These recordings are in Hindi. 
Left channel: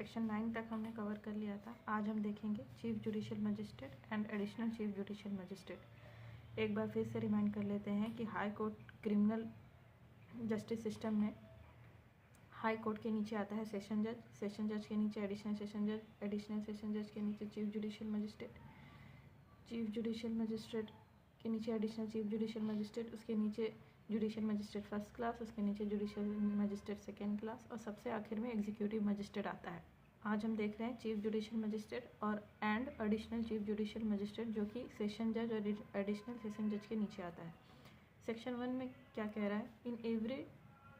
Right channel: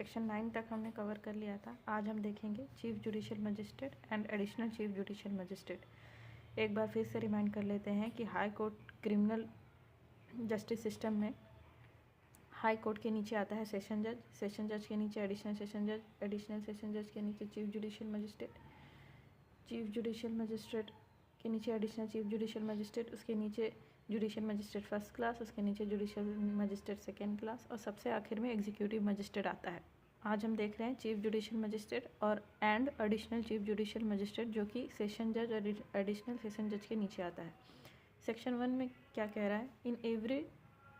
सेक्शन 9 तक हमने कवर कर लिया था। आज हम देखेंगे chief judicial magistrate and additional chief judicial magistrate. एक बार फिर से रिमाइंड कर लेते हैं कि high court criminal justice system में हाई कोर्ट के नीचे आता है सेशन जज, सेशन जज के नीचे एडिशनल सेशन जज, एडिशनल सेशन जज के नीचे chief judicial magistrate, chief judicial magistrate के नीचे एडिशनल चीफ जुडिशियल मजिस्ट्रेट, उसके नीचे जुडिशियल मजिस्ट्रेट फर्स्ट क्लास, उसके नीचे जुडिशियल मजिस्ट्रेट सेकेंड क्लास और सबसे आखिर में एग्जीक्यूटिव मजिस्ट्रेट आता है। आज हम देख रहे हैं चीफ जुडिशियल मजिस्ट्रेट और and additional chief judicial magistrate जो कि सेशन जज और एडिशनल सेशन जज के नीचे आता है। सेक्शन 1 में क्या कह रहा है? इन एवरी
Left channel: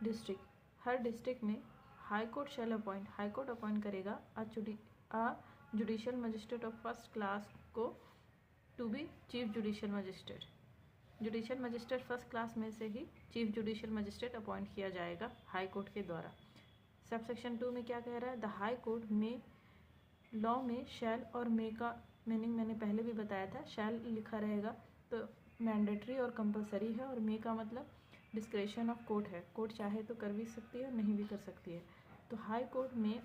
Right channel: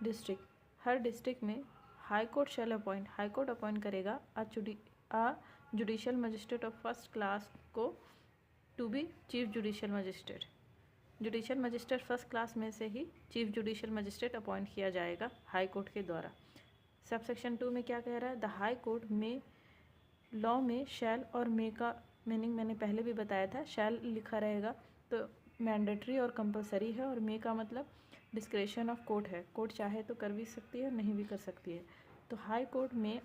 डिस्ट्रिक्ट, हर डिस्ट्रिक्ट में high court shall appoint, high court appoint करेगा a judicial magistrate of first class को to be chief judicial magistrate. Judicial magistrate first class में से ही चीफ जुडिशियल मजिस्ट्रेट अपॉइंट किया जाएगा हाई कोर्ट के द्वारा। सब सेक्शन 2 में क्या कह रहा है? द हाई कोर्ट में लॉ में शैल और मे का मीनिंग मैंने पहले भी बताया था। शैल लिखा रहेगा तो मैंडेटरी और कंपलसरी है, और मे का मतलब डिस्क्रेशन ऑफ कोर्ट है। कोर्ट चाहे तो कर भी सकती है और नहीं भी कर सकती है। तो हाई कोर्ट में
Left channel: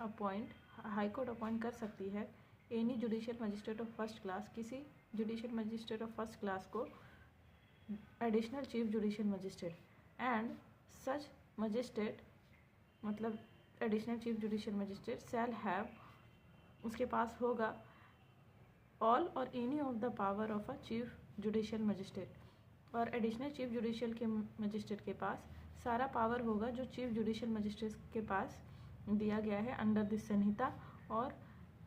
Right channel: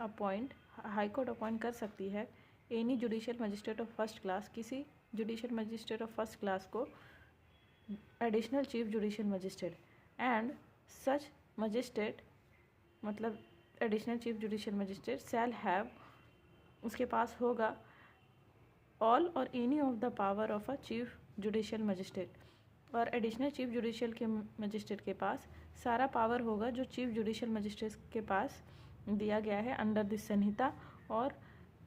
हाई कोर्ट अपॉइंट कर सकती है any judicial magistrate of first class, किसी judicial magistrate of first class को additional chief judicial magistrate, and such magistrate मतलब additional chief judicial magistrate shall have, उसके पास होगा ऑल और any of the power of a chief judicial magistrate. और एडिशनल चीफ जुडिशियल के मजिस्ट्रेट के पास सारा पावर होगा जो चीफ जुडिशियल मजिस्ट्रेट के पास दिया गया है अंडर दिस संहिता और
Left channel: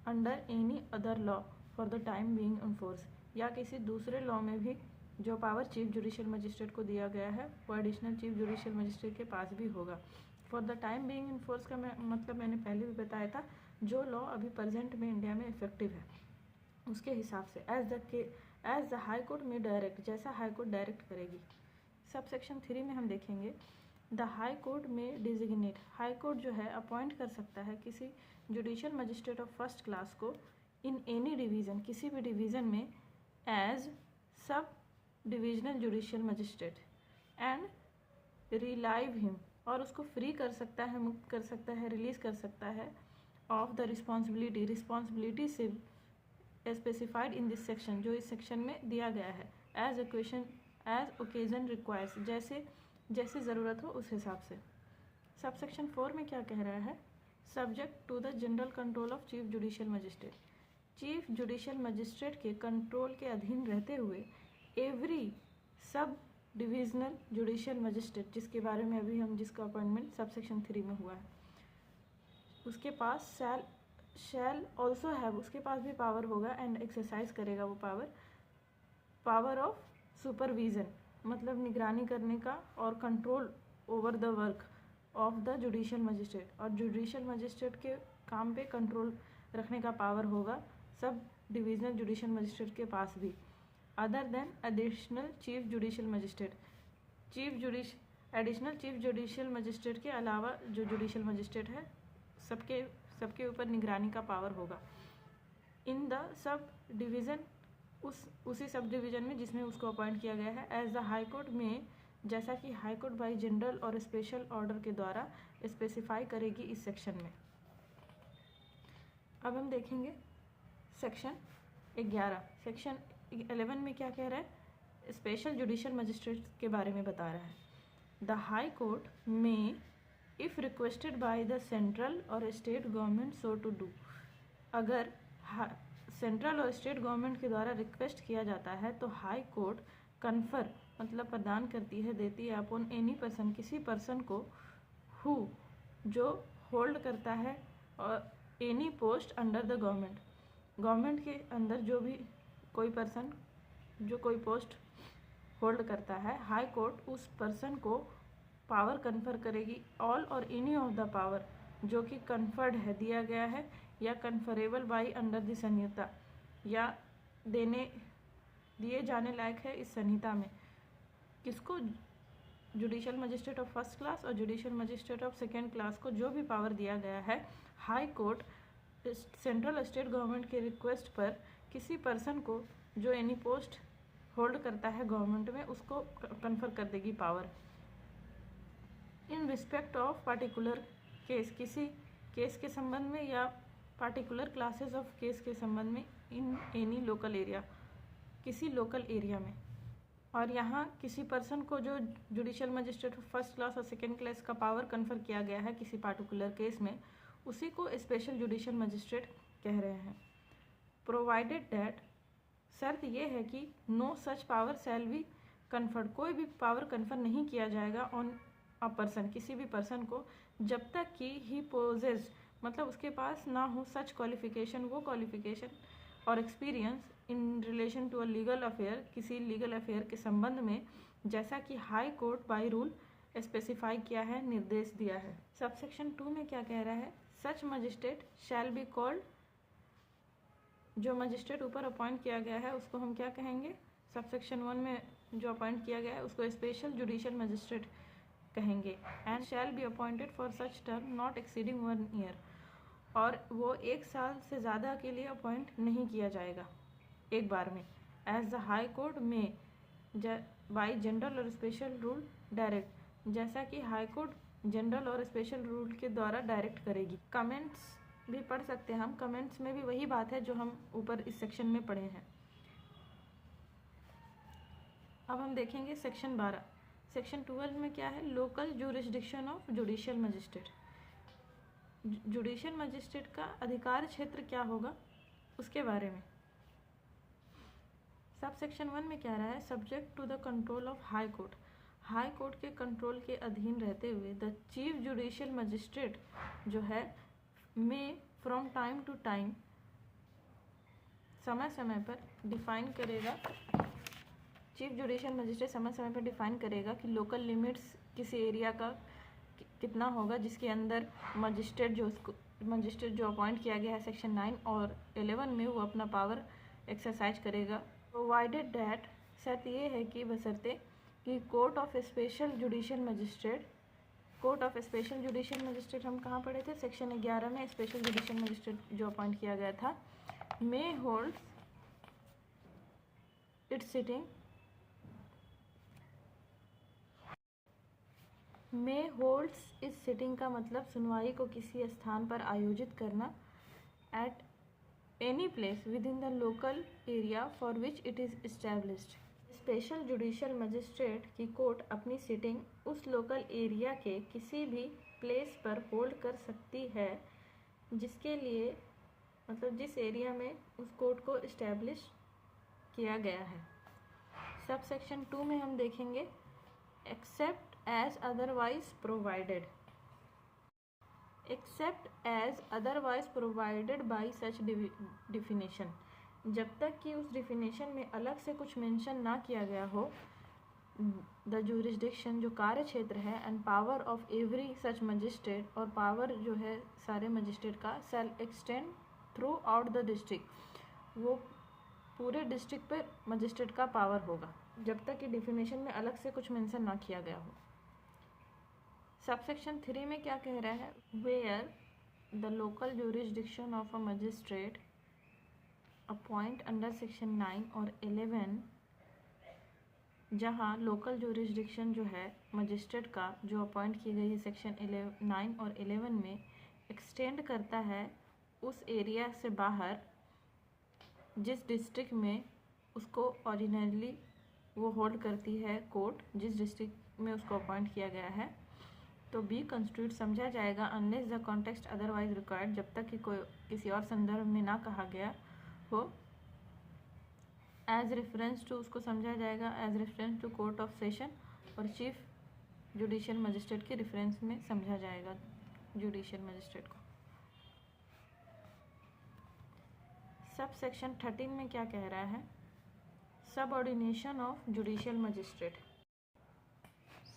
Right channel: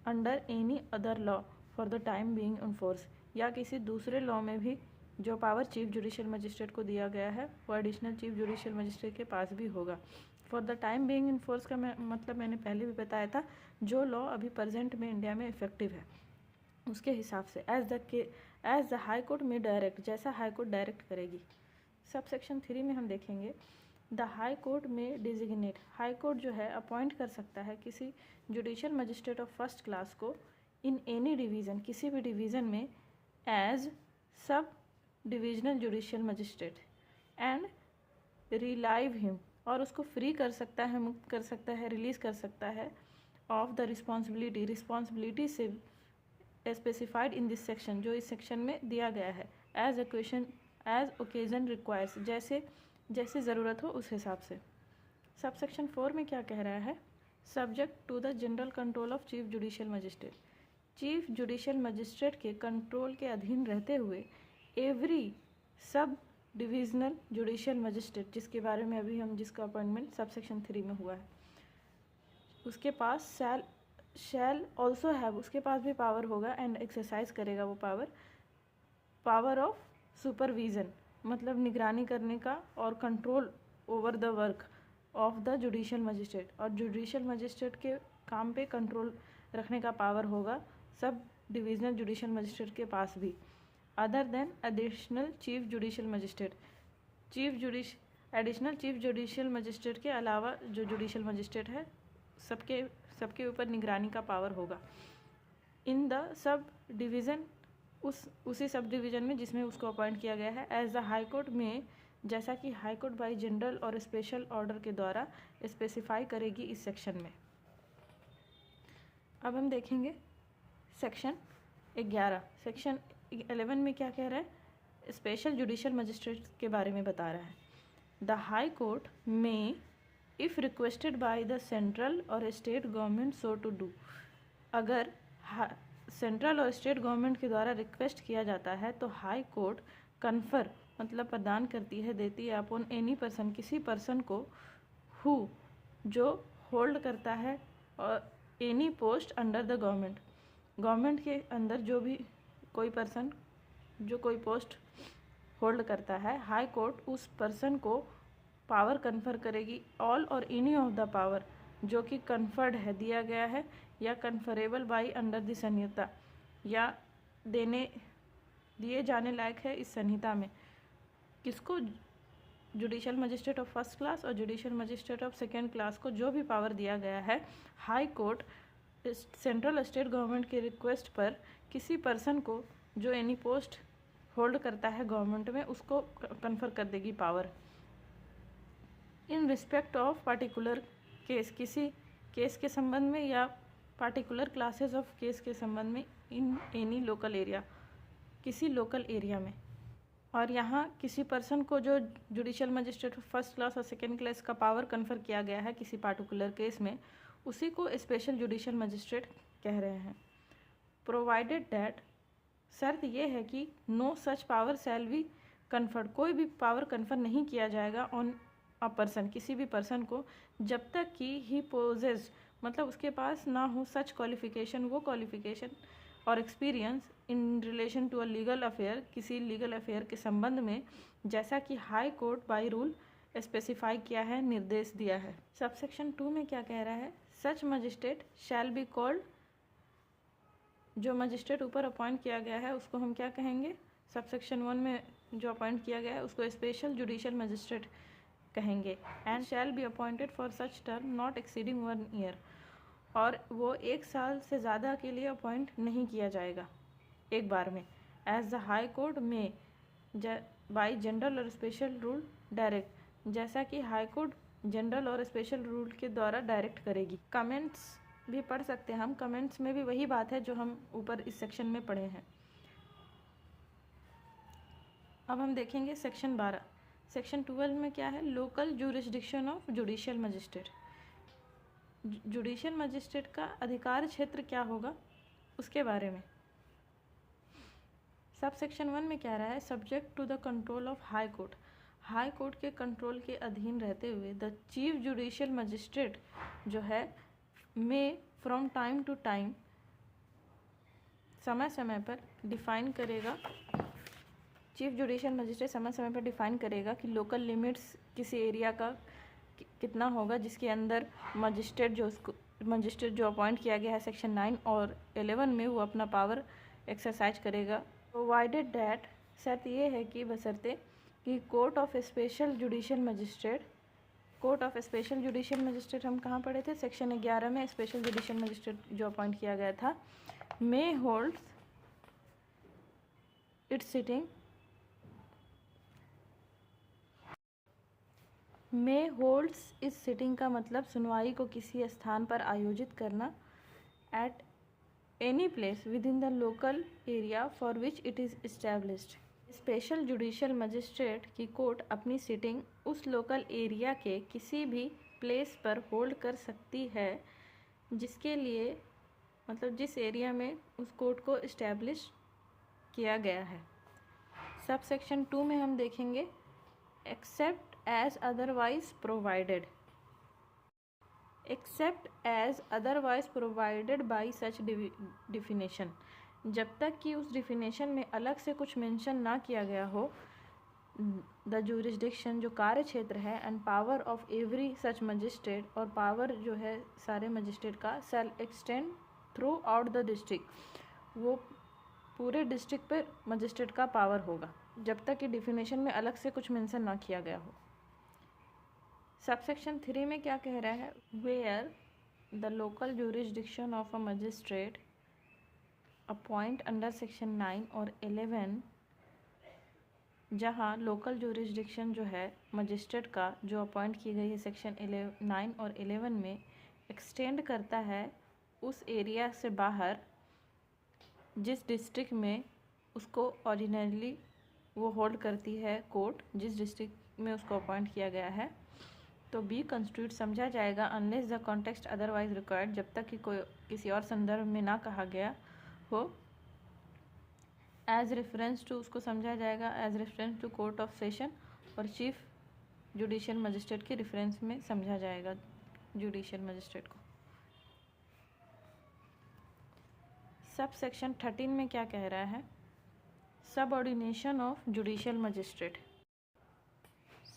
under any other law for the time being in force, या किसी दूसरे लॉ में भी जो पावर चीफ जुडिशियल मजिस्ट्रेट को दिया गया है वो एडिशनल चीफ जुडिशियल मजिस्ट्रेट के पास भी होगा। For the time being in force का मतलब मैंने पहले भी बताया था, जो लॉ अभी प्रेजेंट में इंडिया में इफेक्टिव है उसके हिसाब से एज द हाई कोर्ट में डायरेक्ट, जैसा हाई कोर्ट डायरेक्ट करेगी। सब सेक्शन 3 में हम देखेंगे द हाई कोर्ट में डिजिग्नेट, हाई कोर्ट जो है अपॉइंट कर सकता है किसी judicial magistrate of first class को इन एनी डिवीज़न, किसी भी डिवीज़न में as sub divisional judicial magistrate and relieve him, और उसको फ्री कर सकता है, मुक्त कर सकता है, रिलीज़ कर सकता है ऑफ द रिस्पॉन्सिबिलिटी से स्पेसिफाइड इन दिस सेक्शन, जो इस सेक्शन में दिया गया है, एज ओकेजन रिक्वायर्स, जैसे ज़रूरत हो उस हिसाब से। सब सेक्शन 4 में क्या कह रहा है? Subject to the general control of chief judicial magistrate, chief judicial magistrate के कंट्रोल के अधीन रहते हुए एवरी सब डिविजनल जुडिशियल मजिस्ट्रेट, जिसके बारे में अभी जिसका अपॉइंटमेंट सब सेक्शन 3 में हुआ है, उसके पास शैल ऑल्सो हैव, उसके पास भी पावर होगा एंड एक्सरसाइज करेगा वो पावर ऑफ सुपरविजन, मतलब निगरानी करने का और control over the work of the judicial magistrate, और जुडिशियल मजिस्ट्रेट के काम पे कंट्रोल रखने का पावर होगा सब डिविजनल जुडिशियल मजिस्ट्रेट के पास भी। Other than additional chief judicial magistrate, additional chief judicial magistrate के अलावा जो जुडिशियल मजिस्ट्रेट है सबके ऊपर निगरानी का पावर होगा। इन द सब डिवीज़न, उसी सब डिवीज़न में जिसमें उसको अपॉइंट किया गया है। एज द हाई कोर्ट में, जैसा कि हाई कोर्ट बाई जनरल और स्पेशल ऑर्डर के द्वारा स्पेसिफाई करेगी इस सेक्शन में। अब हम देखेंगे सेक्शन 11। सेक्शन 11 में क्या कह रहा है? स्पेशल जुडिशियल मजिस्ट्रेट के बारे में बता रहा है। द हाई कोर्ट में if requested by the central और state government so to do, अगर सेंट्रल और स्टेट गवर्नमेंट के द्वारा रिक्वेस्ट किया जाता है तो हाई कोर्ट कन्फर मतलब प्रदान करती है, देती है अपॉन एनी पर्सन, किसी पर्सन को हु जो होल्ड करता है और any post under the government के अंदर जो भी कोई पर्सन जो कोई पोस्ट होल्ड करता है, हाई कोर्ट उस पर्सन को पावर कन्फर करेगी, ऑल और एनी ऑफ द पावर जो कि कन्फर्ड है, दिया गया है, या कन्फरेबल बाई अंडर द संहिता, या दिए जाने लायक है इस संहिता में। किसको? Judicial magistrate of first class और judicial magistrate of second class को जो भी पावर दिया गया है, high court central state government के रिक्वेस्ट पर किसी पर्सन को जो एनी पोस्ट होल्ड करता है गवर्नमेंट में उसको कन्फर कर देगी power. In respect of particular case, किसी केस के संबंध में या पार्टिकुलर क्लासेस ऑफ केस के संबंध में इन एनी लोकल एरिया, किसी लोकल एरिया में। और यहाँ किसी पर्सन को जो जुडिशियल मजिस्ट्रेट फर्स्ट क्लास और सेकेंड क्लास का पावर कन्फर किया गया है किसी पार्टिकुलर केस में, उसी को स्पेशल जुडिशियल मजिस्ट्रेट कह रहे हैं। प्रोवाइडेड दैट, शर्त यह है कि no such power shall be conferred, कोई भी पावर कन्फर नहीं किया जाएगा ऑन अ पर्सन, किसी भी पर्सन को, जब तक कि ही पोजेस, मतलब उसके पास ना हो सच क्वालिफिकेशन, वो क्वालिफिकेशन और experience in relation to a legal affair, किसी लीगल अफेयर के संबंध में, जैसा कि high court by rule specify किया है, निर्देश दिया है। सबसेक्शन 2 में क्या कह रहा है? सच मजिस्ट्रेट शैल बी कॉल्ड, जो मजिस्ट्रेट ऊपर अपॉइंट किया गया है उसको हम क्या कहेंगे? सबसेक्शन 1 में जो अपॉइंट किया गया है उसको स्पेशल जुडिशियल मजिस्ट्रेट कहेंगे। And shall be appointed for such term not exceeding 1 year, और वो 1 साल से ज़्यादा के लिए अपॉइंट नहीं किया जाएगा एक बार में। एज द हाई कोर्ट में बाई जनरल और स्पेशल रूल डायरेक्ट, जैसा कि हाई कोर्ट जनरल और स्पेशल रूल के द्वारा डायरेक्ट करेगी। कमेंट्स भी पढ़ सकते हैं हम, कमेंट्स में भी वही बात है जो हम ऊपर इस सेक्शन में पढ़े हैं। अब हम देखेंगे सेक्शन 12। सेक्शन 12 में क्या है? Local jurisdiction of judicial magistrate. Judicial magistrate का अधिकार क्षेत्र क्या होगा उसके बारे में। सब सेक्शन 1 में क्या रहा है? Subject to the control of high court, high court के कंट्रोल के अधीन रहते हुए द चीफ जुडिशियल मजिस्ट्रेट जो है में फ्रॉम टाइम टू टाइम, समय समय पर डिफाइन करेगा, चीफ जुडिशियल मजिस्ट्रेट समय समय पर डिफाइन करेगा कि लोकल लिमिट्स किसी एरिया का कितना होगा जिसके अंदर मजिस्ट्रेट जो अपॉइंट किया गया है सेक्शन 9 और 11 में वो अपना पावर एक्सरसाइज करेगा। प्रोवाइडेड डैट, शर्त ये है कि बशर्ते कि court of special judicial magistrate, court of special judicial magistrate हम कहाँ पढ़े थे? सेक्शन 11 में स्पेशल जुडिशियल मजिस्ट्रेट जो अपॉइंट किया गया था, may holds its sitting, may holds इस सिटिंग का मतलब सुनवाई को किसी स्थान पर आयोजित करना, at any place within the local area for which it is established. Special judicial magistrate की कोर्ट अपनी सिटिंग उस लोकल एरिया के किसी भी प्लेस पर होल्ड कर सकती है जिसके लिए, मतलब जिस एरिया में उस कोर्ट को इस्टेब्लिश किया गया है। सब सेक्शन 2 में हम देखेंगे accept as otherwise provided, except as otherwise provided by such definition, जब तक कि उस डिफिनेशन में अलग से कुछ मेंशन ना किया गया हो, द जुरिस्डिक्शन जो कार्य क्षेत्र है, and power of every such magistrate, और पावर जो है सारे मजिस्ट्रेट का, shall extend throughout the district, वो पूरे डिस्ट्रिक्ट पे मजिस्ट्रेट का पावर होगा जब तक कि डिफिनेशन में अलग से कुछ मेंशन ना किया गया हो। सबसेक्शन 3 में क्या कह रहा है? Where the local jurisdiction of a magistrate appoint under section 9 और 11, जहाँ लोकल जुरिस्डिक्शन जो है मजिस्ट्रेट का जो अपॉइंट की गई है सेक्शन 9 और 11 में, एक्सटेंड करता है उस एरिया से बाहर जिस डिस्ट्रिक्ट में उसको ओरिजिनली वो होल्ड करती है कोर्ट, जिस डिस्ट्रिक्ट में उसको अपॉइंट किया गया है, तो बी कंस्टिट्यूट समझा जाएगा unless the context otherwise required, जब तक कि कोई किसी और संदर्भ में ना कहा गया हो। एज रेफरेंस टू, उसको समझा जाएगा as reference to court of session, और चीफ जुडिशियल मजिस्ट्रेट के रेफरेंस में समझा जाएगा जुडिशियल मजिस्ट्रेट को। सब सेक्शन 13 में क्या कह रहा है? Subordination of judicial magistrate.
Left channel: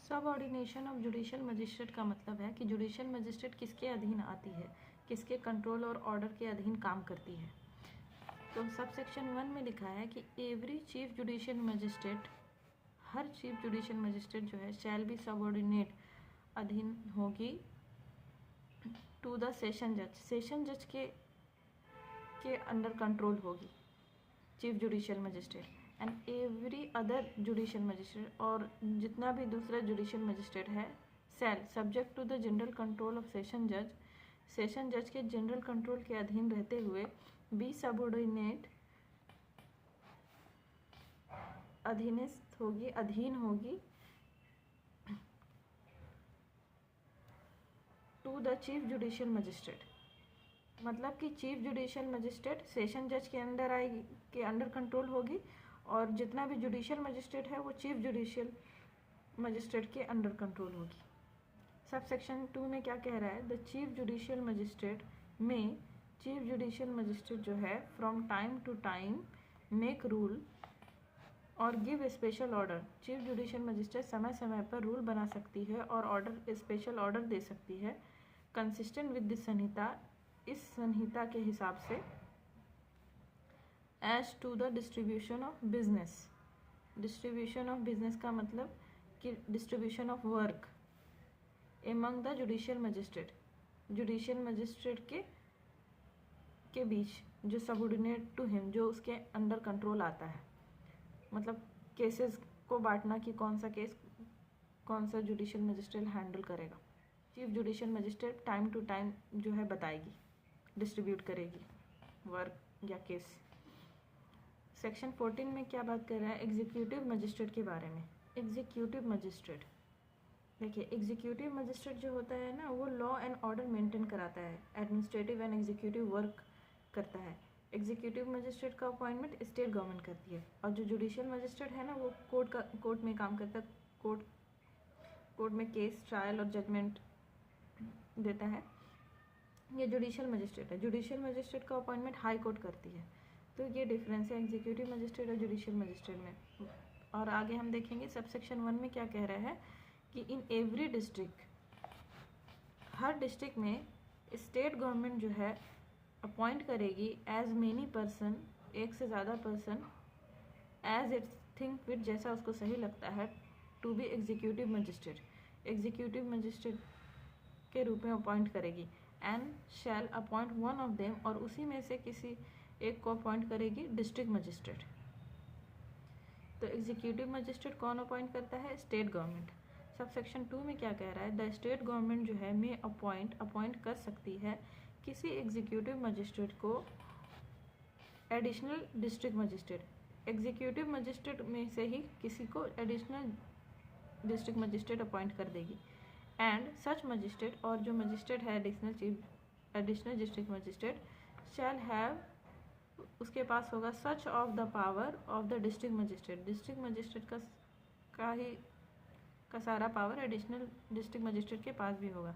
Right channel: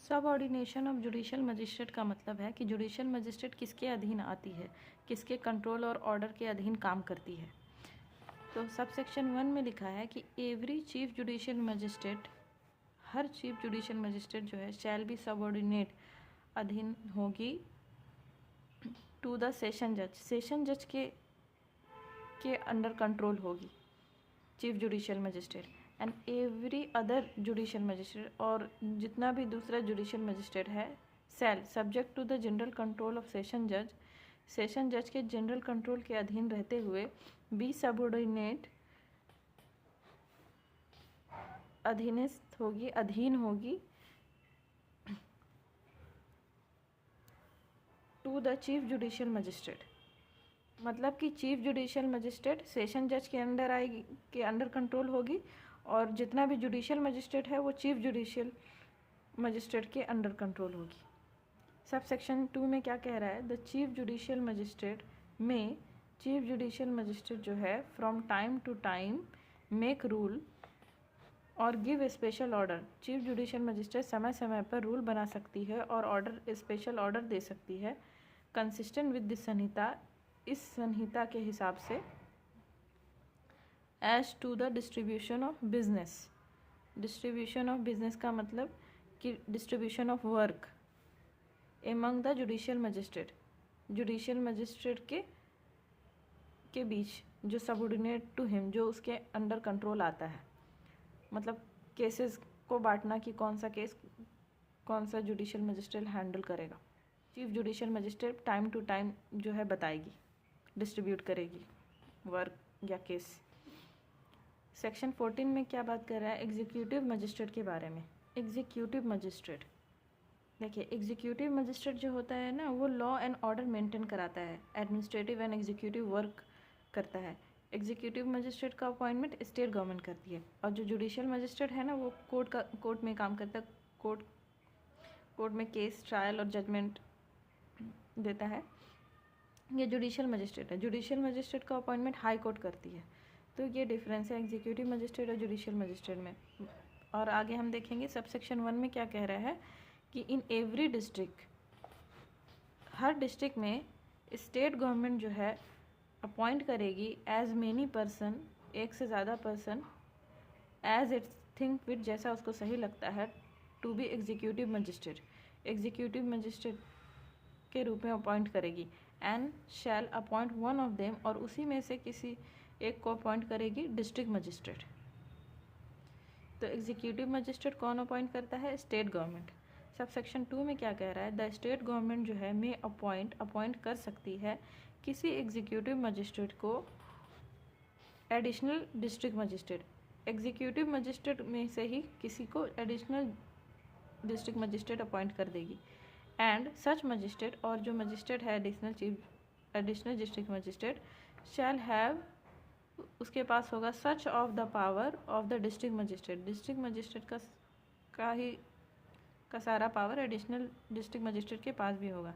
Subordination of judicial magistrate का मतलब है कि जुडिशियल मजिस्ट्रेट किसके अधीन आती है, किसके कंट्रोल और ऑर्डर के अधीन काम करती है। तो सब सेक्शन 1 में लिखा है कि एवरी चीफ जुडिशियल मजिस्ट्रेट, हर चीफ जुडिशियल मजिस्ट्रेट जो है शैल बी सबऑर्डिनेट, अधीन होगी टू द सेशन जज, सेशन जज के अंडर कंट्रोल होगी chief judicial magistrate, and every other judicial magistrate, और जितना भी दूसरा जुडिशियल मजिस्ट्रेट है, shall subject to the general control of session जज, सेशन जज के जनरल कंट्रोल के अधीन रहते हुए बी सबऑर्डिनेट अधीन होगी to the chief judicial magistrate. मतलब कि चीफ जुडिशियल मजिस्ट्रेट सेशन जज के अंडर आएगी, के अंडर कंट्रोल होगी, और जितना भी जुडिशियल मजिस्ट्रेट है वो चीफ जुडिशियल मजिस्ट्रेट के अंडर कंट्रोल होगी। सब सेक्शन 2 में क्या कह रहा है, द चीफ जुडिशियल मजिस्ट्रेट में चीफ जुडिशियल मजिस्ट्रेट जो है from time to time make rule और give special order. Chief judicial magistrate समय समय पर रूल बना सकती है और ऑर्डर स्पेशल ऑर्डर दे सकती है कंसिस्टेंट विद दिस संहिता, इस संहिता के हिसाब से, as to the distribution of business. Distribution of business का मतलब कि distribution of work among the judicial magistrate, judicial magistrate के बीच, जो सबऑर्डिनेट टू हिम, जो उसके अंडर कंट्रोल आता है। मतलब केसेस को बांटना कि कौन सा केस कौन सा जुडिशियल मजिस्ट्रेट हैंडल करेगा। Chief judicial magistrate time to time जो है बताएगी, डिस्ट्रीब्यूट करेगी वर्क या केस। सेक्शन 14 में क्या बात कर रहा है, एग्जीक्यूटिव मजिस्ट्रेट के बारे में। एग्जीक्यूटिव मजिस्ट्रेट, देखिए एग्जीक्यूटिव मजिस्ट्रेट जो होता है ना, वो लॉ एंड ऑर्डर मेंटेन कराता है, एडमिनिस्ट्रेटिव एंड एग्जीक्यूटिव वर्क करता है। एग्जीक्यूटिव मजिस्ट्रेट का अपॉइंटमेंट स्टेट गवर्नमेंट करती है, और जो जुडिशियल मजिस्ट्रेट है ना, वो कोर्ट में काम करता है, कोर्ट में केस ट्रायल और जजमेंट देता है। ये जुडिशियल मजिस्ट्रेट है। जुडिशियल मजिस्ट्रेट का अपॉइंटमेंट हाई कोर्ट करती है। तो ये डिफरेंस है एग्जीक्यूटिव मजिस्ट्रेट और जुडिशियल मजिस्ट्रेट में। और आगे हम देखेंगे सब सेक्शन 1 में क्या कह रहा है कि इन एवरी डिस्ट्रिक्ट, हर डिस्ट्रिक्ट में स्टेट गवर्नमेंट जो है अपॉइंट करेगी एज मेनी पर्सन, एक से ज़्यादा person, as it think fit, जैसा उसको सही लगता है, to be executive magistrate, executive magistrate के रूप में अपॉइंट करेगी। And shall appoint one of them, और उसी में से किसी एक को अपॉइंट करेगी डिस्ट्रिक्ट मजिस्ट्रेट। तो एग्जीक्यूटिव मजिस्ट्रेट कौन अपॉइंट करता है, स्टेट गवर्नमेंट। सब सेक्शन 2 में क्या कह रहा है, द स्टेट गवर्नमेंट जो है में अपॉइंट कर सकती है किसी एग्जीक्यूटिव मजिस्ट्रेट को additional district magistrate. Executive magistrate में से ही किसी को एडिशनल डिस्ट्रिक्ट मजिस्ट्रेट अपॉइंट कर देगी। एंड सच मजिस्ट्रेट, और जो मजिस्ट्रेट है additional district magistrate, shall have, उसके पास होगा such of the power of the district magistrate. District magistrate का सारा पावर एडिशनल डिस्ट्रिक्ट मजिस्ट्रेट के पास भी होगा,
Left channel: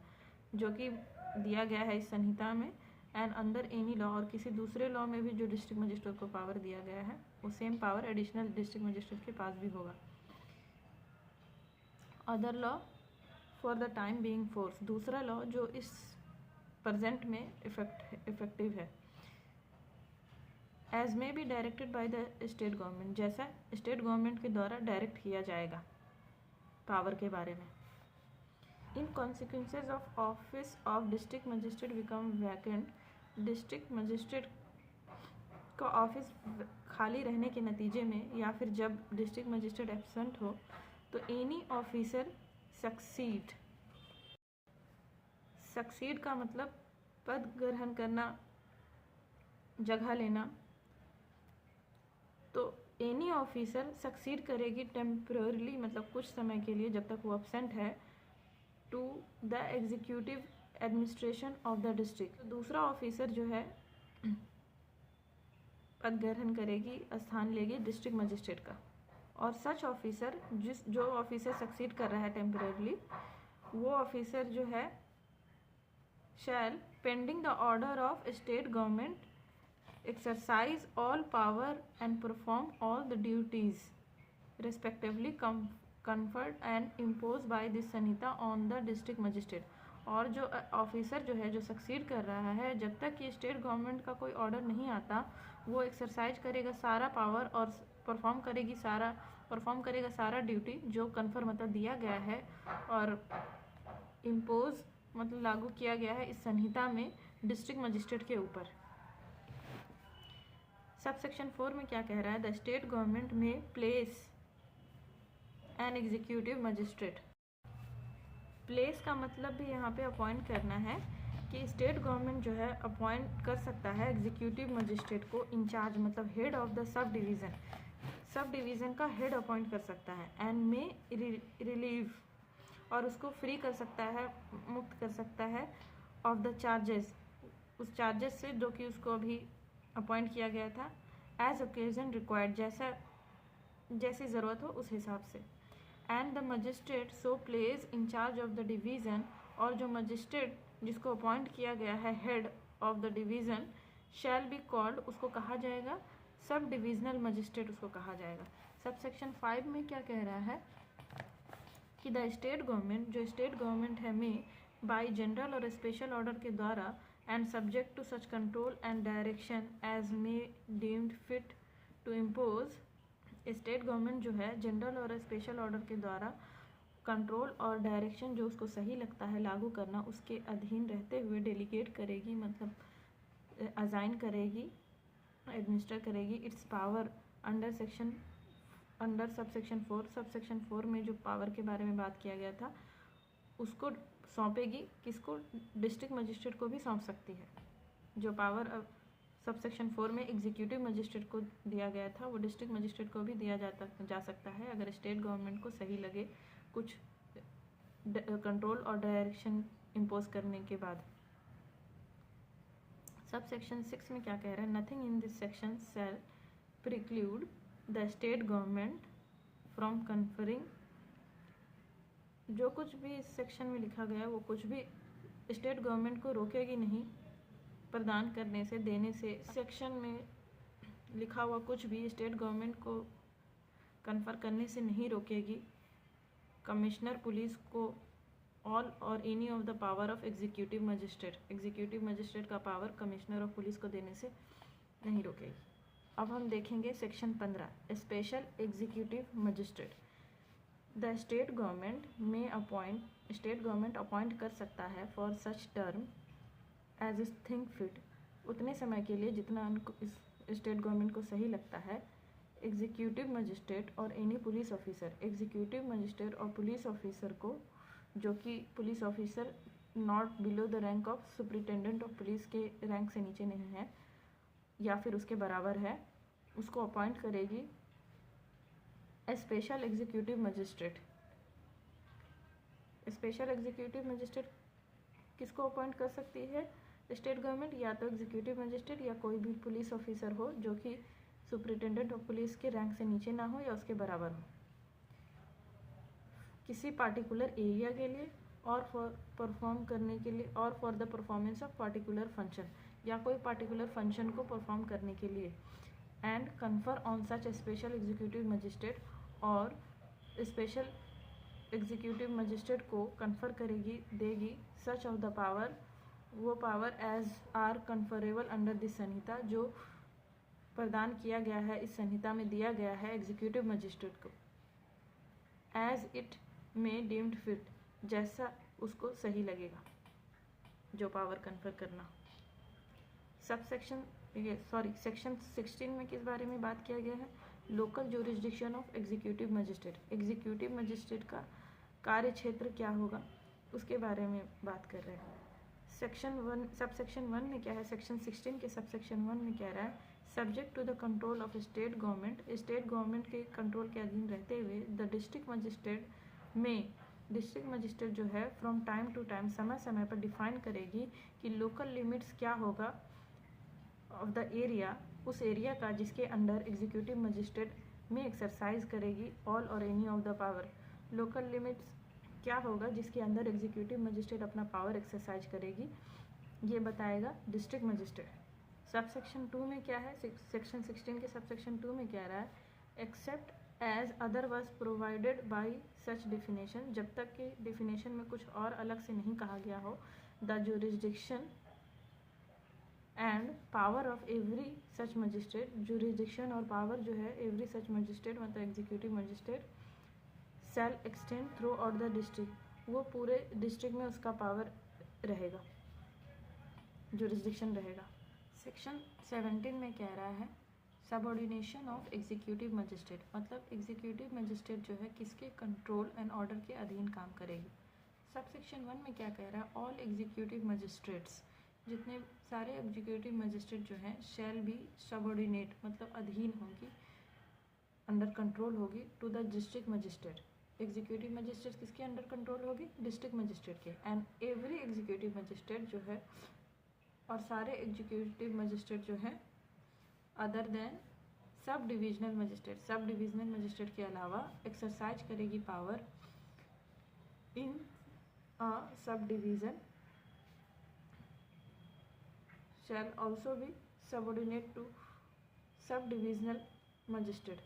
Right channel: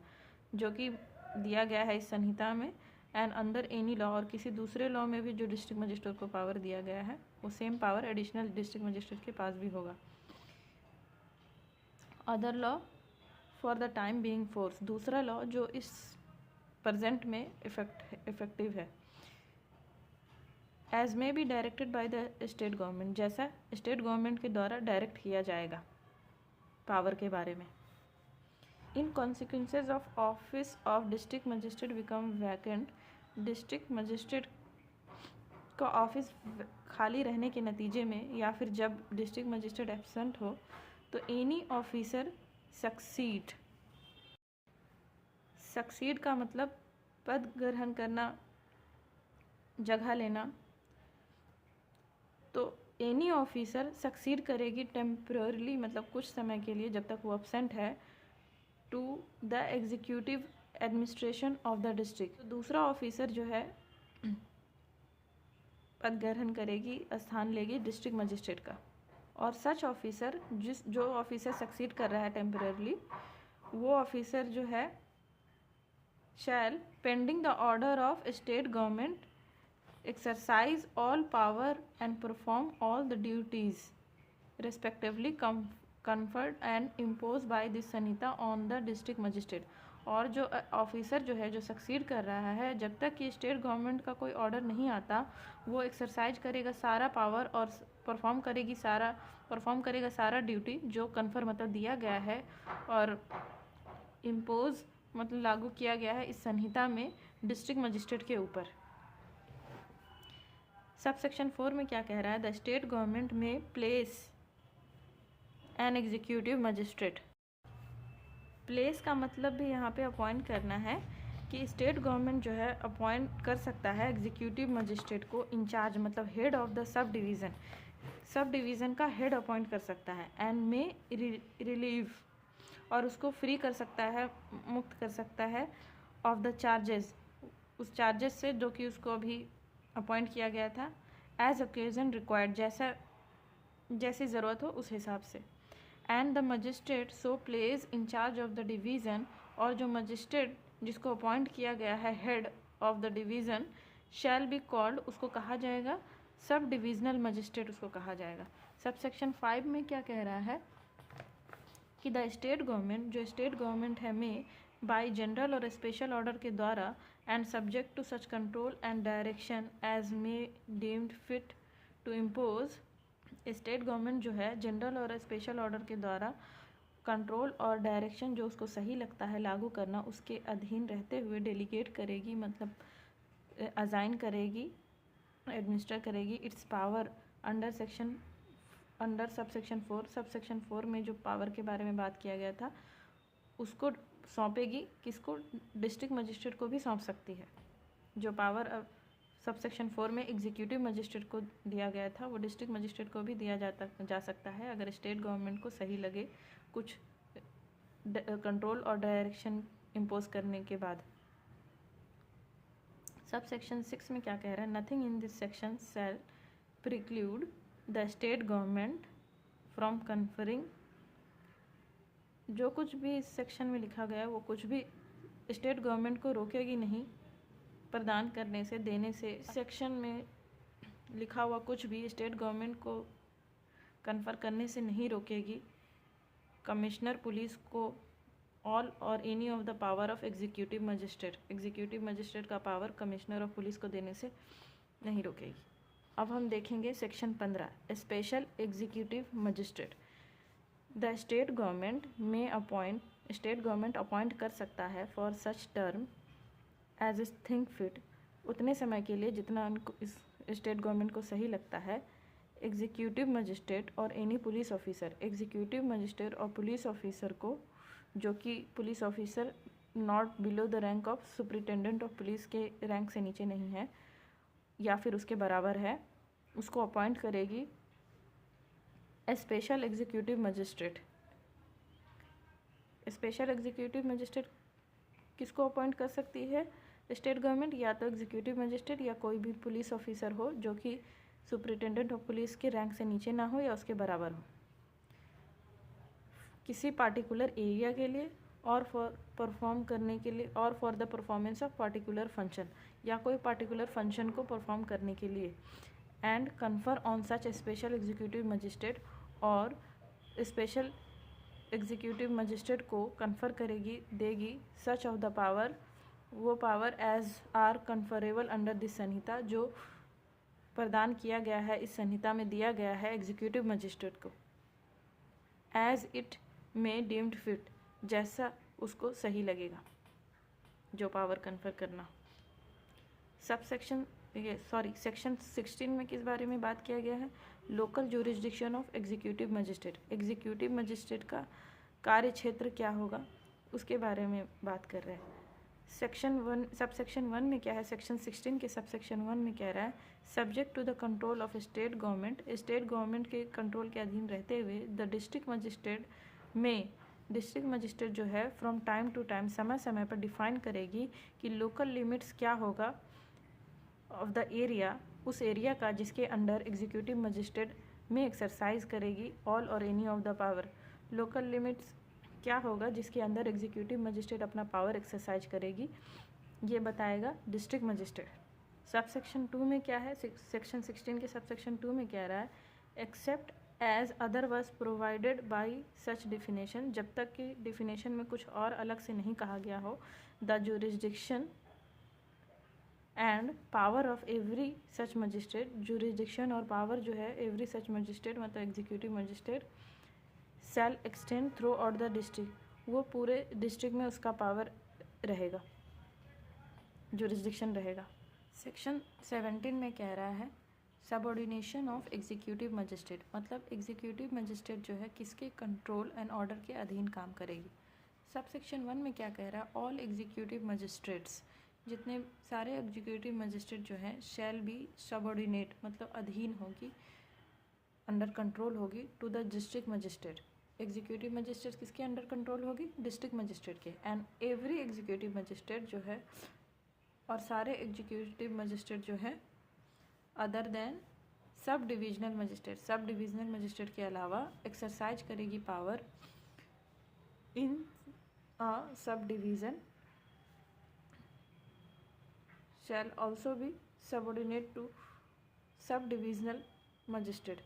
जो कि दिया गया है इस संहिता में। एंड अंडर एनी लॉ, और किसी दूसरे लॉ में भी जो डिस्ट्रिक्ट मजिस्ट्रेट को पावर दिया गया है, वो same power additional district magistrate के पास भी होगा। Other law for the time being force, दूसरा लॉ जो इस प्रेजेंट में इफेक्टिव है। As may be directed by the state government, जैसा स्टेट गवर्नमेंट के द्वारा डायरेक्ट किया जाएगा पावर के बारे में। In consequences of office of district magistrate become vacant, district magistrate का ऑफिस खाली रहने के नतीजे में, या फिर जब डिस्ट्रिक्ट मजिस्ट्रेट एब्सेंट हो, तो एनी ऑफिसर सक्सीड का मतलब पद ग्रहण करना, जगह लेना। तो एनी ऑफिसर सक्सीड करेगी टेम्पररीली, मतलब कुछ समय के लिए, जब तक वो एब्सेंट है, to the executive administration of the district. दूसरा ऑफिसर जो है पद ग्रहण करेगी, स्थान लेगी डिस्ट्रिक्ट मजिस्ट्रेट का। और सच ऑफिसर, जो ऑफिसर सक्सीड कर रहा है टेम्पररीली, वो ऑफिसर जो है shall pending the order of state government exercise all power and perform all the duties respectively conferred and imposed by this Samhita on the district magistrate। और जो ऑफिसर जो है, जो सक्सीड कर रहा है, जब तक कि स्टेट गवर्नमेंट का कोई ऑर्डर नहीं आता, वो एक्सरसाइज करेगा सारा पावर और परफॉर्म करेगा सारा ड्यूटी जो कन्फर मतलब दिया गया है और इम्पोज मतलब लागू किया गया है इस संहिता में डिस्ट्रिक्ट मजिस्ट्रेट के ऊपर। सब सेक्शन 4 में क्या कह रहा है, द स्टेट गवर्नमेंट में place an executive magistrate. Place का मतलब भी यहाँ पे अपॉइंट करना है कि स्टेट गवर्नमेंट जो है अपॉइंट कर सकता है एग्जीक्यूटिव मजिस्ट्रेट को इंचार्ज, मतलब head of the sub division का हेड अपॉइंट कर सकता है, एंड में रिलीव, और उसको फ्री कर सकता है, मुक्त कर सकता है ऑफ द चार्जेस, उस चार्जेस से जो कि उसको अभी अपॉइंट किया गया था, एज ओकेजन रिक्वायर्ड, जैसी ज़रूरत हो उस हिसाब से। And the magistrate so place in charge of the division, और जो मजिस्ट्रेट जिसको अपॉइंट किया गया है head of the division shall be called, उसको कहा जाएगा सब डिविजनल मजिस्ट्रेट, उसको कहा जाएगा। सब सेक्शन 5 में क्या कह रहा है कि द स्टेट गवर्नमेंट, जो स्टेट गवर्नमेंट है, में बाय जनरल और स्पेशल ऑर्डर के द्वारा and subject to such control and direction as may deemed fit to impose, state government जो है जनरल और स्पेशल ऑर्डर के द्वारा कंट्रोल और डायरेक्शन जो उसको सही लगता है लागू करना, उसके अधीन रहते हुए डेलीगेट करेगी, मतलब अजाइन करेगी, एडमिनिस्टर करेगी it's power under sub section 4। Sub section 4 में जो पावर के बारे में बात किया गया था उसको सौंपेगी, किसको? डिस्ट्रिक्ट मजिस्ट्रेट को भी सौंप सकती है। जो पावर सब सेक्शन 4 में एग्जीक्यूटिव मजिस्ट्रेट को दिया गया था वो डिस्ट्रिक्ट मजिस्ट्रेट को भी दिया जा सकता है, अगर स्टेट गवर्नमेंट को सही लगे कुछ कंट्रोल और डायरेक्शन इम्पोज करने के बाद। सब सेक्शन 6 में क्या कह रहा है? Nothing in this section shall preclude the state government from conferring, जो कुछ भी इस सेक्शन में लिखा गया वो कुछ भी स्टेट गवर्नमेंट को रोकेगी नहीं प्रदान करने से, देने से। सेक्शन में लिखा हुआ कुछ भी स्टेट गवर्नमेंट को कन्फर करने से नहीं रोकेगी कमिश्नर पुलिस को ऑल और any of the power of executive magistrate का पावर कमिश्नर ऑफ पुलिस को देने से नहीं रोकेगी। अब हम देखेंगे section 15, special executive magistrate. The state government appoint कर सकता है for such term as is think fit, उतने समय के लिए जितना उनको इस स्टेट गवर्नमेंट को सही लगता है, एग्जीक्यूटिव मजिस्ट्रेट और any police officer, executive magistrate और पुलिस ऑफिसर को, जो कि police officer not below the rank of superintendent of police के रैंक से नीचे नहीं है या फिर उसके बराबर है, उसको अपॉइंट करेगी special executive magistrate. Special executive magistrate किसको अपॉइंट कर सकती है स्टेट गवर्नमेंट? या तो एग्जीक्यूटिव मजिस्ट्रेट या कोई भी पुलिस ऑफिसर हो जो कि सुपरिटेंडेंट ऑफ पुलिस के रैंक से नीचे ना हो या उसके बराबर हो, किसी पार्टिकुलर एरिया के लिए और परफॉर्म करने के लिए, और for the performance of particular function, या कोई पार्टिकुलर फंक्शन को परफॉर्म करने के लिए। And confer on such special executive magistrate, और स्पेशल एग्जीक्यूटिव मजिस्ट्रेट को कन्फर करेगी, देगी सच ऑफ द पावर, वो power as are conferrable under this संहिता, जो प्रदान किया गया है इस संहिता में दिया गया है एग्जीक्यूटिव मजिस्ट्रेट को, एज इट में डीम्ड फिट, जैसा उसको सही लगेगा जो पावर कन्फर करना। सेक्शन 16 में किस बारे में बात किया गया है? Local jurisdiction of executive magistrate, executive magistrate का कार्य क्षेत्र क्या होगा उसके बारे में बात कर रहे हैं। सब सेक्शन 1 में क्या है? सेक्शन 16 के सब सेक्शन 1 में कह रहा है subject to the control of state government के कंट्रोल के अधीन रहते हुए द डिस्ट्रिक्ट मजिस्ट्रेट जो है फ्रॉम टाइम टू टाइम, समय समय पर डिफाइन करेगी कि लोकल लिमिट्स क्या होगा ऑफ द एरिया, उस एरिया का जिसके अंडर एग्जीक्यूटिव मजिस्ट्रेट में एक्सरसाइज करेगी ऑल और any of the power. Local limits क्या होगा जिसके अंदर एग्जीक्यूटिव मजिस्ट्रेट अपना पावर एक्सरसाइज करेगी, ये बताएगा डिस्ट्रिक्ट मजिस्ट्रेट। सब सेक्शन 2 में क्या है? सेक्शन 16 के सब सेक्शन 2 में कह रहा है except as otherwise provided by such definition, जब तक कि डिफिनेशन में कुछ और अलग से नहीं कहा गया हो, the jurisdiction and power of every such magistrate, jurisdiction और पावर जो है एवरी सच मजिस्ट्रेट मतलब executive magistrate shall extend throughout the district, वो पूरे डिस्ट्रिक्ट में उसका पावर रहेगा, जुरिसडिक्शन रहेगा। सेक्शन 17 में कह रहा है सबऑर्डिनेशन ऑफ एग्जीक्यूटिव मजिस्ट्रेट, मतलब एग्जीक्यूटिव मजिस्ट्रेट जो है किसके कंट्रोल एंड ऑर्डर के अधीन काम करेगी। सब सेक्शन 1 में क्या कह रहा है, ऑल एग्जीक्यूटिव मजिस्ट्रेट्स, जितने सारे एग्जीक्यूटिव मजिस्ट्रेट जो हैं शैल बी सबऑर्डिनेट, मतलब अधीन होगी, अंडर कंट्रोल होगी to the district magistrate. Executive magistrate किसके अंडर कंट्रोल होगी, डिस्ट्रिक्ट मजिस्ट्रेट के। एंड एवरी एग्जीक्यूटिव मजिस्ट्रेट जो है, और सारे एग्जीक्यूटिव मजिस्ट्रेट जो है other than sub divisional magistrate, sub divisional magistrate के अलावा एक्सरसाइज करेगी power in a sub division shall also be subordinate to sub divisional magistrate.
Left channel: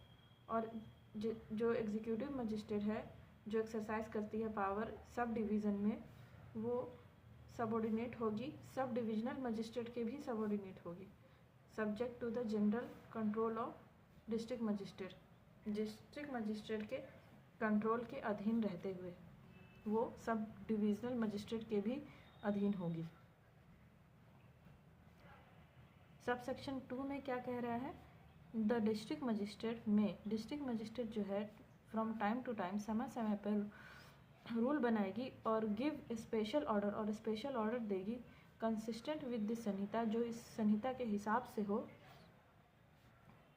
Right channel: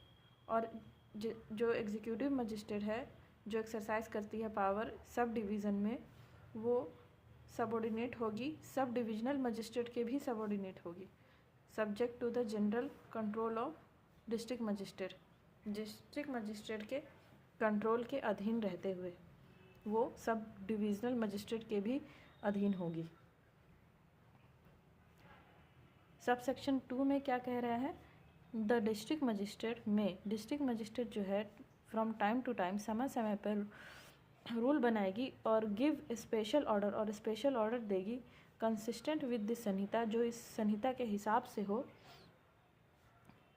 और जो एग्जीक्यूटिव मजिस्ट्रेट है जो एक्सरसाइज करती है पावर सब डिवीज़न में, वो सबऑर्डिनेट होगी, सब डिविजनल मजिस्ट्रेट के भी सबऑर्डिनेट होगी, subject to the general control of district magistrate, district magistrate के कंट्रोल के अधीन रहते हुए वो सब डिविजनल मजिस्ट्रेट के भी अधीन होगी। सब सेक्शन 2 में क्या कह रहा है, द डिस्ट्रिक्ट मजिस्ट्रेट में, डिस्ट्रिक्ट मजिस्ट्रेट जो है फ्रॉम टाइम टू टाइम, समय समय पर रूल बनाएगी और गिव स्पेशल ऑर्डर, और स्पेशल ऑर्डर देगी कंसिस्टेंट विद दिस संहिता, जो इस संहिता के हिसाब से हो,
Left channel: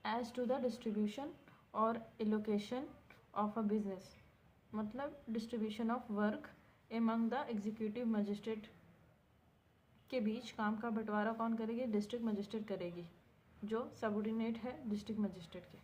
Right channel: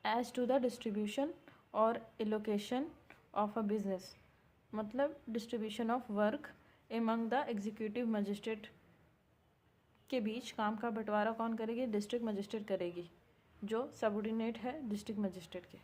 एज टू द डिस्ट्रीब्यूशन और एलोकेशन ऑफ अ बिजनेस, मतलब distribution of work among the executive magistrate के बीच काम का बंटवारा कौन करेगी, डिस्ट्रिक्ट मजिस्ट्रेट करेगी, जो सबऑर्डिनेट है डिस्ट्रिक्ट मजिस्ट्रेट के।